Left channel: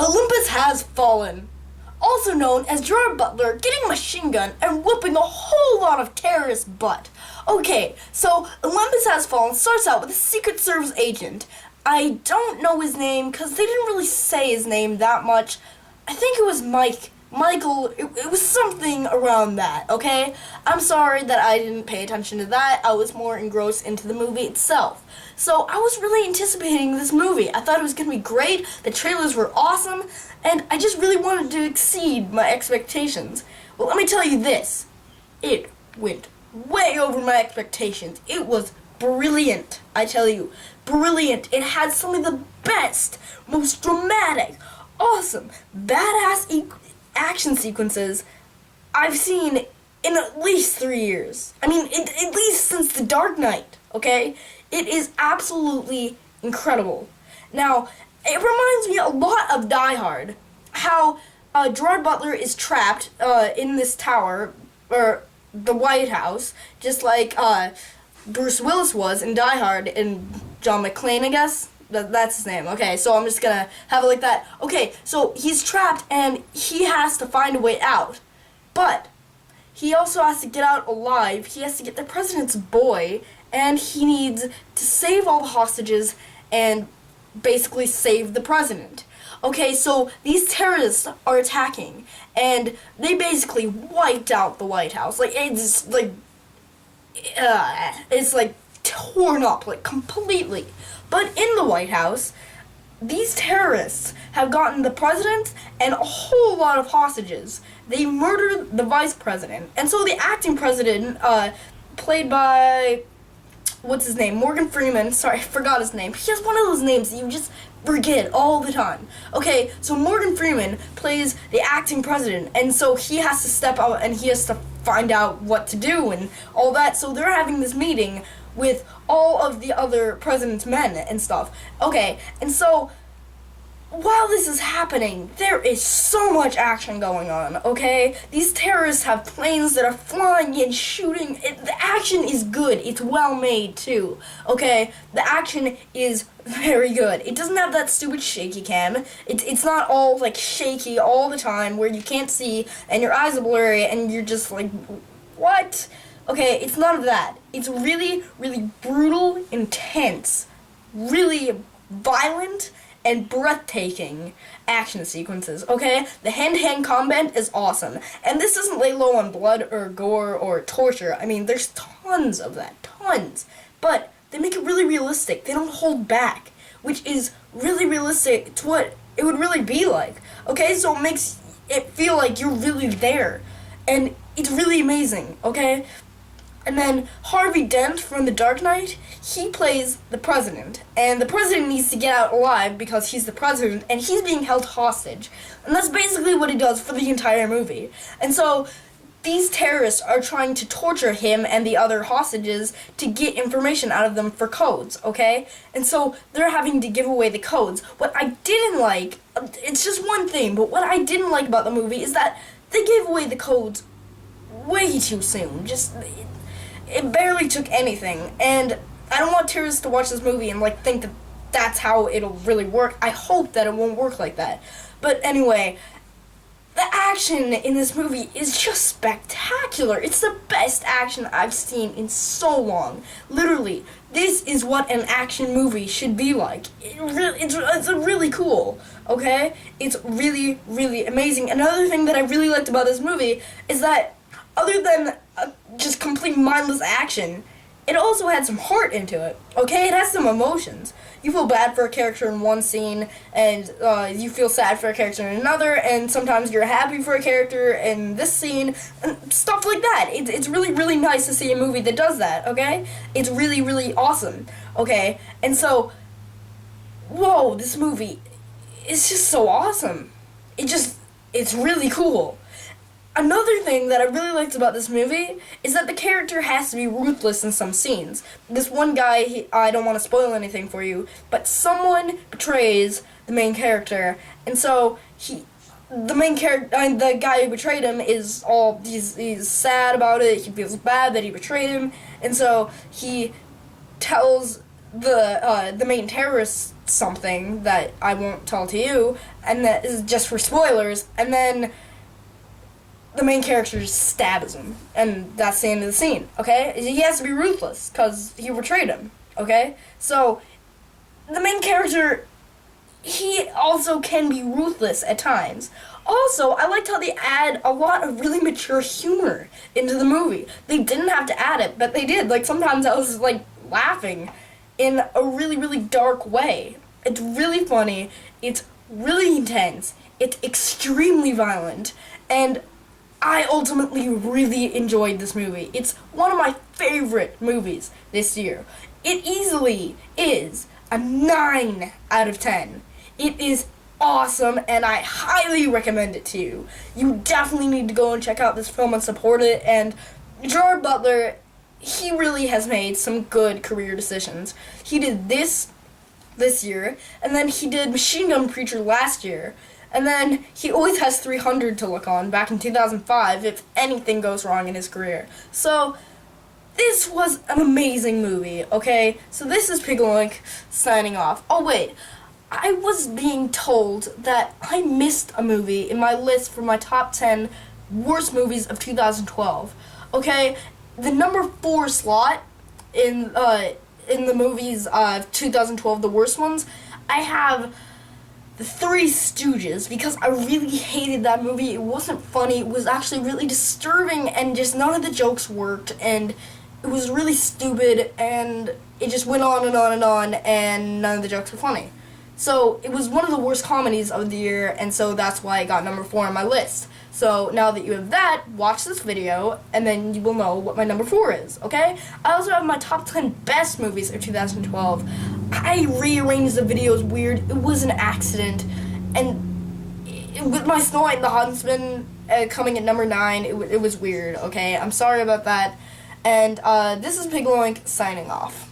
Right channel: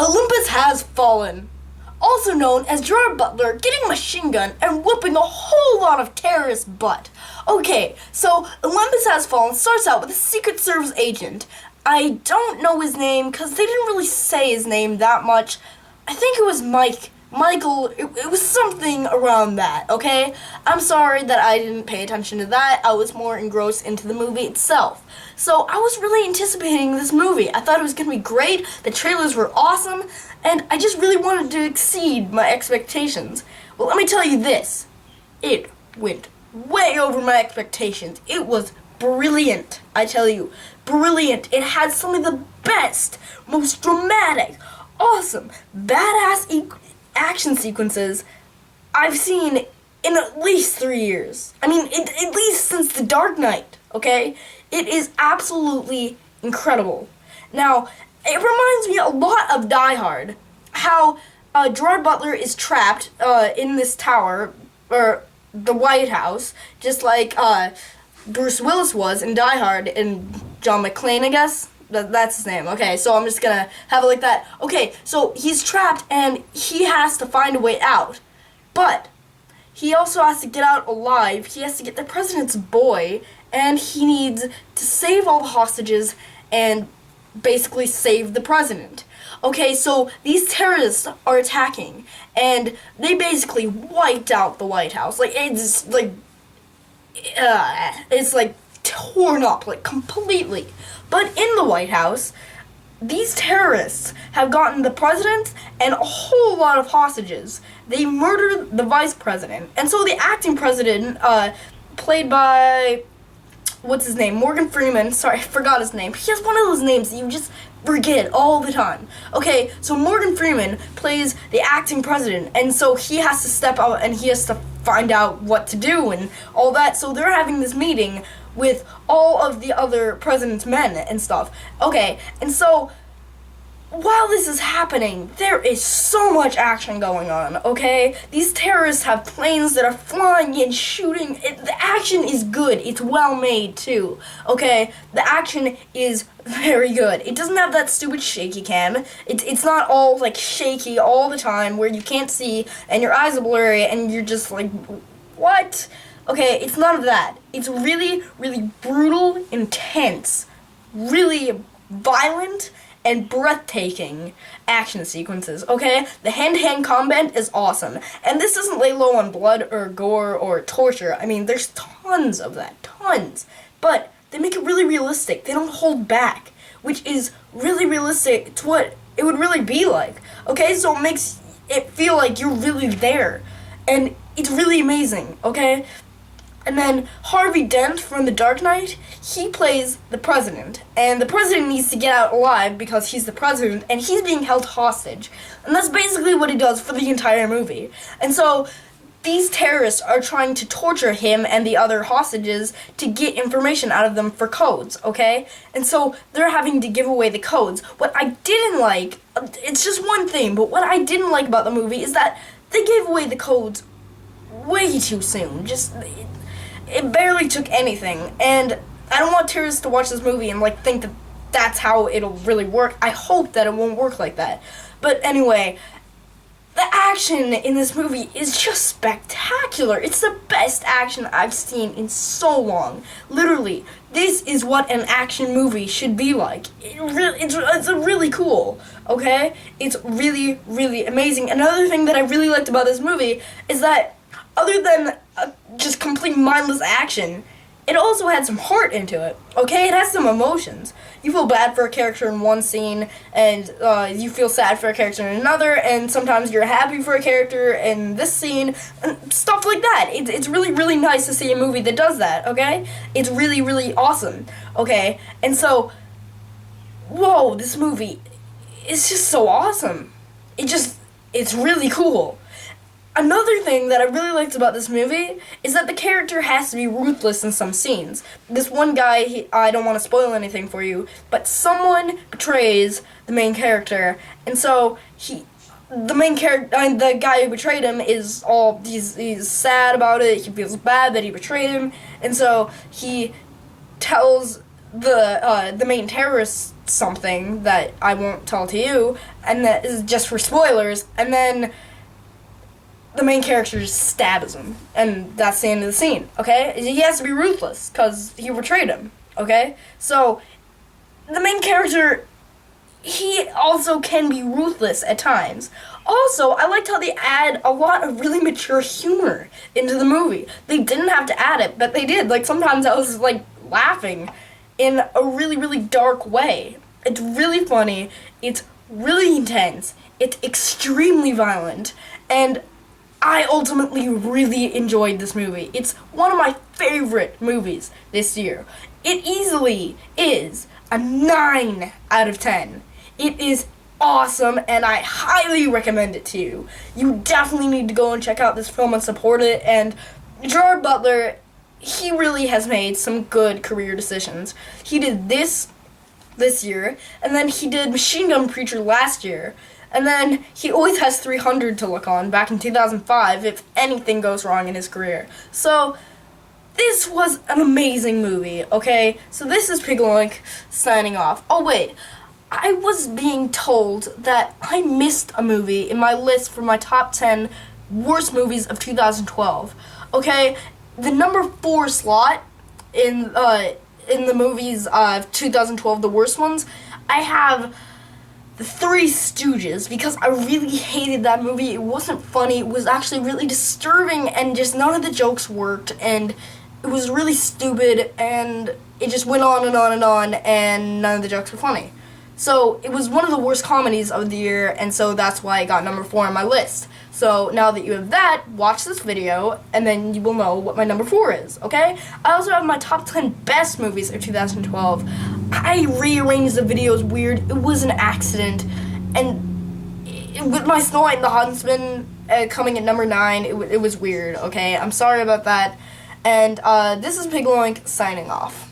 Olympus has fallen. Also known as Gerard Butler getting a machine gun and whooping a whole lot of terrorists' butt. Okay, so Olympus Has Fallen starts out with a Secret Service agent. I don't know his name because they didn't really say his name that much. I think it was Michael, it was something around that, okay? I'm sorry that I didn't pay attention to that. I was more engrossed into the movie itself. So I was really anticipating this movie. I thought it was going to be great. The trailers were awesome. And I just really wanted to exceed my expectations. Well, let me tell you this. It went way over my expectations. It was brilliant, I tell you. Brilliant. It had some of the best, most dramatic, awesome, badass action sequences I've seen in at least 3 years. I mean, at least since The Dark Knight, okay? It is absolutely incredible. Now, it reminds me a lot of Die Hard, how Gerard Butler is trapped in this tower, or the White House, just like Bruce Willis was in Die Hard, and John McClane, I guess? That's his name. Okay, so I'm just gonna have it like that. Okay, so he's trapped and he has to find a way out. But he also has to get out alive. He has to get the president's boy, and he needs to save all the hostages and basically save the president. Okay, so these terrorists are attacking, and they basically wiped out the White House. Like, it's like torn up, like, completely. But in the White House, these terrorists have gotten the president and a whole lot of hostages. They murdered the vice president. And so the acting president, played by, what's his name? Morgan Freeman. Sorry, I forgot his name. He has one of those names that you just forget all the time. Okay, so Morgan Freeman plays the acting president, and so he has to step out and he has to find out what to do and all that. So they're having this meeting with all of the other president's men and stuff. Okay, and so while this is happening, there is so much action going on, okay? These terrorists have planes that are flying and shooting. The action is good. It's well made, too, okay? The action is very good. It doesn't have that stupid shaky cam. It's not all, like, shaky all the time where you can't see and your eyes are blurry and you're just like, what? Okay, it's none of that. It's really, really brutal, intense, really violent, and breathtaking action sequences, okay? The hand-to-hand combat is awesome. And this doesn't lay low on blood or gore or torture. I mean, there's tons of that, tons. But they make it really realistic. They don't hold back, which is really realistic to what it would really be like, okay? So it makes it feel like you're really there. And it's really amazing, okay? And then Harvey Dent from The Dark Knight, he plays the president. And the president needs to get out alive because he's the president and he's being held hostage. And that's basically what he does for the entire movie. And so these terrorists are trying to torture him and the other hostages to get information out of them for codes, okay? And so they're having to give away the codes. What I didn't like, it's just one thing, but what I didn't like about the movie is that they gave away the codes way too soon. It barely took anything, and I don't want terrorists to watch this movie and, like, think that that's how it'll really work. I hope that it won't work like that. But anyway, the action in this movie is just spectacular. It's the best action I've seen in so long. Literally, this is what an action movie should be like. It's really cool, okay? It's really, really amazing. Another thing that I really liked about this movie is that other than just complete mindless action, it also had some heart into it, okay? It has some emotions. You feel bad for a character in one scene, and you feel sad for a character in another, and sometimes you're happy for a character in this scene, and stuff like that. It's really, really nice to see a movie that does that, okay? It's really, really awesome, okay? And so, whoa, this movie is just so awesome. It's really cool. Another thing that I really liked about this movie is that the character has to be ruthless in some scenes. This one guy, I don't want to spoil anything for you, but someone betrays the main character, and so the guy who betrayed him is he's sad about it. He feels bad that he betrayed him, and so he tells the main terrorist something that I won't tell to you, and that is just for spoilers, and then the main character just stabs him, and that's the end of the scene, okay? He has to be ruthless, because he betrayed him, okay? So, the main character, he also can be ruthless at times. Also, I liked how they add a lot of really mature humor into the movie. They didn't have to add it, but they did. Like, sometimes I was, like, laughing in a really, really dark way. It's really funny, it's really intense, it's extremely violent, and I ultimately really enjoyed this movie. It's one of my favorite movies this year. It easily is a 9 out of 10. It is awesome, and I highly recommend it to you. You definitely need to go and check out this film and support it, and Gerard Butler, he really has made some good career decisions. He did this year, and then he did Machine Gun Preacher last year, and then he always has 300 to look on back in 2005 if anything goes wrong in his career. So, this was an amazing movie, okay? So this is Pigaloink signing off. Oh wait, I was being told that I missed a movie in my list for my top 10 worst movies of 2012. Okay, the number 4 slot in the movies of 2012, the worst ones, I have The Three Stooges, because I really hated that movie. It wasn't funny, it was actually really disturbing, and just none of the jokes worked, and it was really stupid, and it just went on and on and on, and none of the jokes were funny. So, it was one of the worst comedies of the year, and so that's why it got number 4 on my list. So, now that you have that, watch this video, and then you will know what my number 4 is, okay? I also have my top 10 best movies of 2012. I rearranged the videos weird. It was an accident, and with my Snow White and the Huntsman coming at number 9, it was weird, okay? I'm sorry about that, and this is Pigaloink signing off.